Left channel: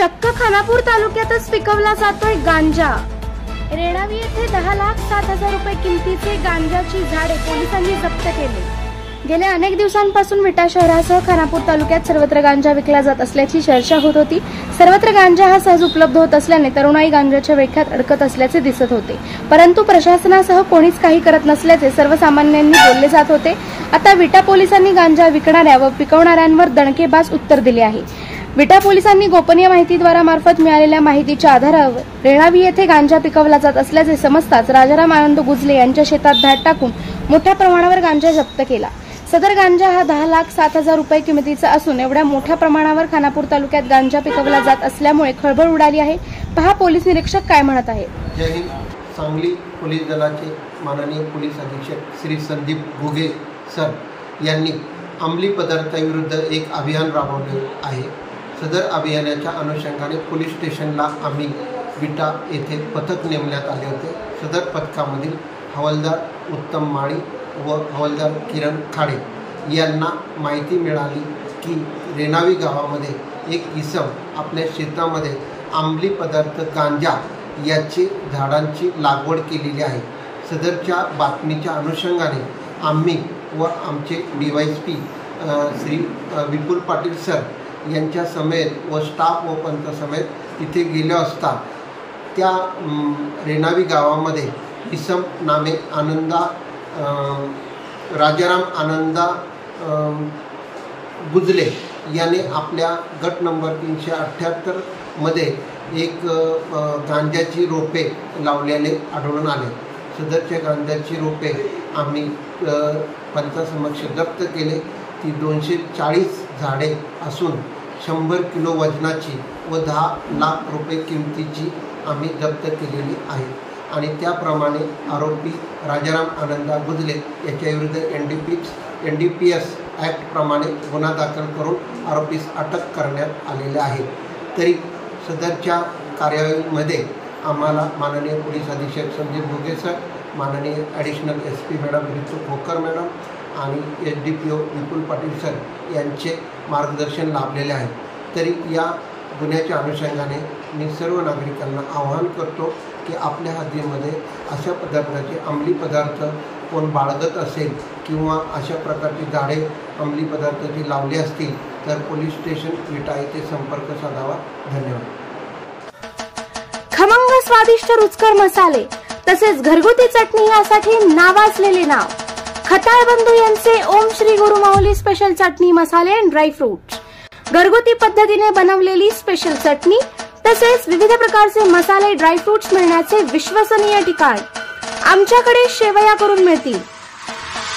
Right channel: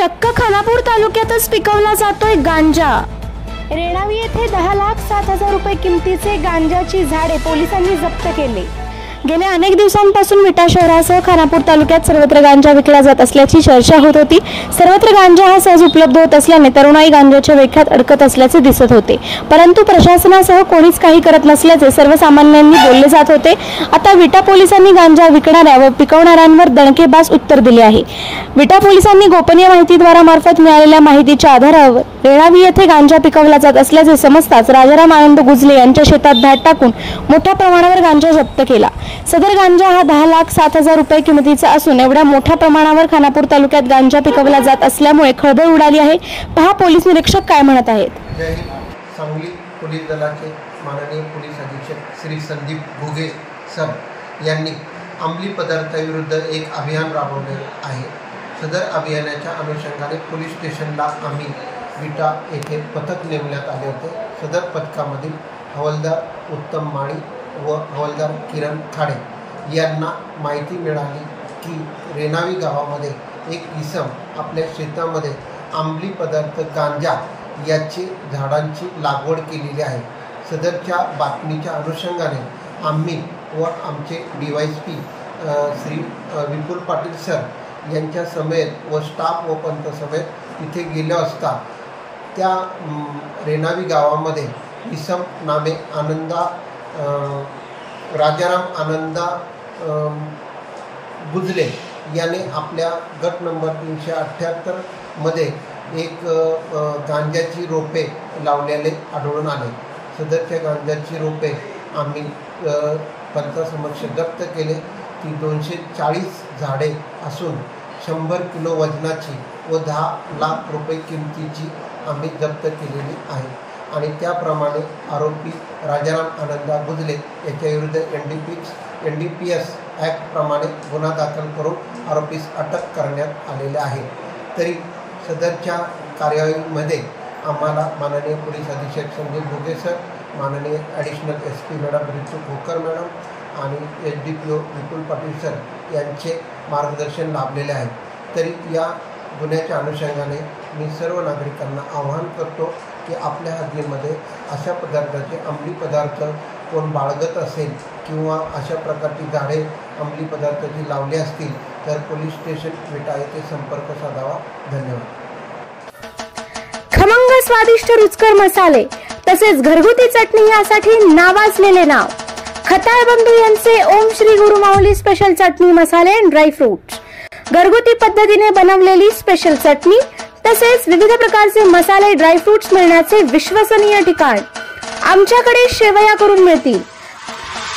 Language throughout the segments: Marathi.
चक्क खानापूर तालुक्यातच पिकवला जातोय गांजा। रेणावी येथे 10,07,000 रुपये किमतीचे गांजाची झाडे पोलिसांनी जप्त केले। गेल्या अनेक दिवसांपासून विटा शहरासह खानापूर तालुक्यात सर्वत्र गांजा विकला जात असल्याची चर्चा होत होती। सर्वत्र गांजा हा सहज उपलब्ध होत असल्याने तरुणाई गांजाच्या वेख्यात अडकत असल्याचे दिसत होते, परंतु प्रशासनासह कोणीच काही करत नसल्याचे सर्वसामान्यांनी बोलले जात होते। आता विटा पोलिसांनी गांजा विकणाऱ्या व पिकवणाऱ्यांवर दणकेबाज उत्तर दिले आहे। विटा पोलिसांनी गोपनीय माहितीद्वारा मार्फत मिळालेल्या माहितीच्या आधारावर रेणावी येथे गांजा पिकवला जात असल्याचे समजताच राजाराम आनंद गुजले यांच्या शेतात धाड टाकून मोठ्या प्रमाणावर गांजा जप्त केला। सदर गांजा हा 10,07,000 रुपये किमतीचा असून एवढ्या मोठ्या प्रमाणावर खानापूर तालुक्यात गांजा पिकवला जात असल्यामुळे खळबळ उडाली आहे। पहा पोलीस निरीक्षक काय म्हणत आहेत। जय हिंद। सांगली पोलीस दलाचे माननीय पोलीस अधीक्षक श्री संदीप घुगे सर यांनी अंमली पदार्थाविरुद्ध एक अभियान राबवले आहे। सदर अभियानाच्या अनुषंगाने पोलीस स्टेशनला आम्ही विटा येथे पथक नेमण्यात आले होते। सदर पथकामधील हवालदार उत्तम माळी व हवालदार किरण खाडे यांना माहिती मिळाली की रेणावी गावामध्ये एक इसम आपल्या शेतामध्ये अंमली पदार्थ गांजा याची झाडांची लागवड केलेली आहे। सदरच्या बातमीच्या अनुषंगाने आम्ही व आमचे DYSP श्री विपुल पाटील सर यांच्या समेत व स्टाफ व पंत समेत तिथे गेले असता त्या रेणावी गावामध्ये इसम नामे आनंदा राजाराम आनंदा गुजले याने आपल्या गट नंबर 378 मध्ये एक गांजाची रोपे लावलेले आढळून आले। सदरच्या गांजाची रोपे आम्ही पंचासमक्ष जप्त केले। ती 240 झाडे असून 100 किलो वजनाची व 10 लाख रुपये किमतीची आम्ही जप्त केलेली आहे आणि त्याप्रमाणे आरोपी राजाराम आनंदा गुजले याच्याविरुद्ध NDPS ॲक्ट प्रमाणे गुन्हा दाखल करून आरोपीस अटक करण्यात आलेले आहे। तरी सदरच्या कार्यवाहीमध्ये आम्हाला माननीय पोलीस अधीक्षक संदीप घुगे सर, माननीय ॲडिशनल SP मॅडम ऋतू खोकर मॅडम आणि SDPO विपुल पाटील सर यांचे मार्गदर्शन लाभलेले आहे। तरी या गुन्ह्याच्या अनुषंगाने मी सर्व नागरिकांना आवाहन करतो की आपल्या हद्दीमध्ये अशा पदार्थाचे अंमली पदार्थ कोण बाळगत असेल किंवा अशा प्रकारची झाडे अंमली पदार्थाची लावली असतील तर पोलीस स्टेशन विटा येथे संपर्क साधावा। धन्यवाद। खमंग स्वादिष्ट रुचकर मसाले तसेच घरगुती चटणी यासाठी नावाजलेले नाव खताळ बंधू यांचे ओम श्री गुरु माऊली स्पेशल चटणी मसाले अँड ड्राय फ्रूट। घरगुती पद्धतीने बनवलेली स्पेशल चटणी तसेच विविध प्रकारचे मसाले ड्राय फ्रूट्स मिळण्याचे विश्वसनीय ठिकाण। आमच्याकडे शेवया करून मिळतील,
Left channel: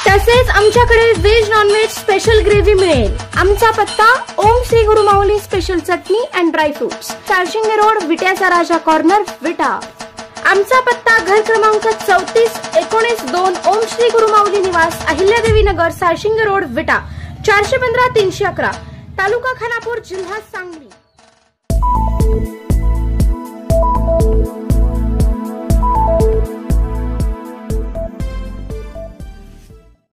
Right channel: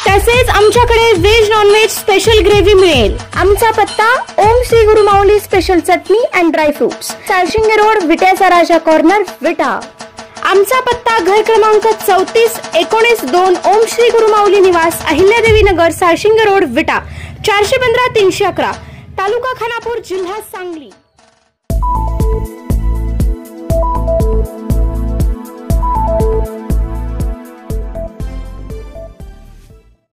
तसेच आमच्याकडे व्हेज नॉनव्हेज स्पेशल ग्रेव्ही मिळेल। आमचा पत्ता ओम श्री गुरु माऊली स्पेशल चटणी and dry fruits, Salshinge road, विट्याचा राजा कॉर्नर, विटा। आमचा पत्ता घर क्रमांक 34-19-2 ओम श्री गुरु माऊली निवास, अहिल्यादेवी नगर, साळशिंगे रोड, विटा, 415-311, तालुका खानापूर, जिल्हा सांगली।